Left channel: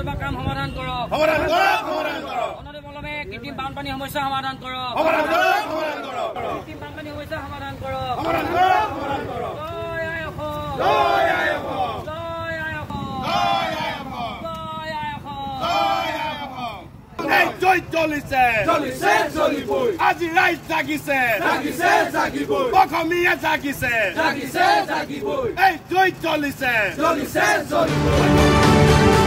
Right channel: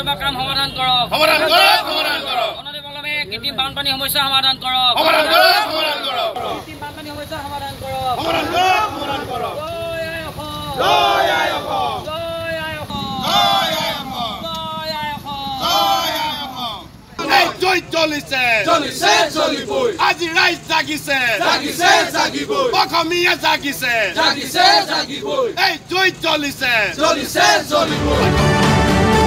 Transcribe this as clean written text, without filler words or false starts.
নতুবা কাম সমাধান কৰক সমাধান কৰক সমাধান কৰক অনতিপলমে কৃত্ৰিম বানপানী সমস্যা সমাধান কৰক সমাধান কৰক সমাধান কৰক কৃত্ৰিম বানপানী সমস্যা সমাধান কৰক সমাধান কৰক সমাধান কৰক জয় আই অসম জয় আই অসম জয় আই অসম জয় আই অসম জয় আই অসম জয় আই অসম এই জয় চলিছে চলিছে চলিবই আজি ৰাইজ জাগিছে জাগিছে জাগিবই অসমীয়া জাগিছে জাগিছে জাগিবই এই জয় চলিছে চলিছে চলিবই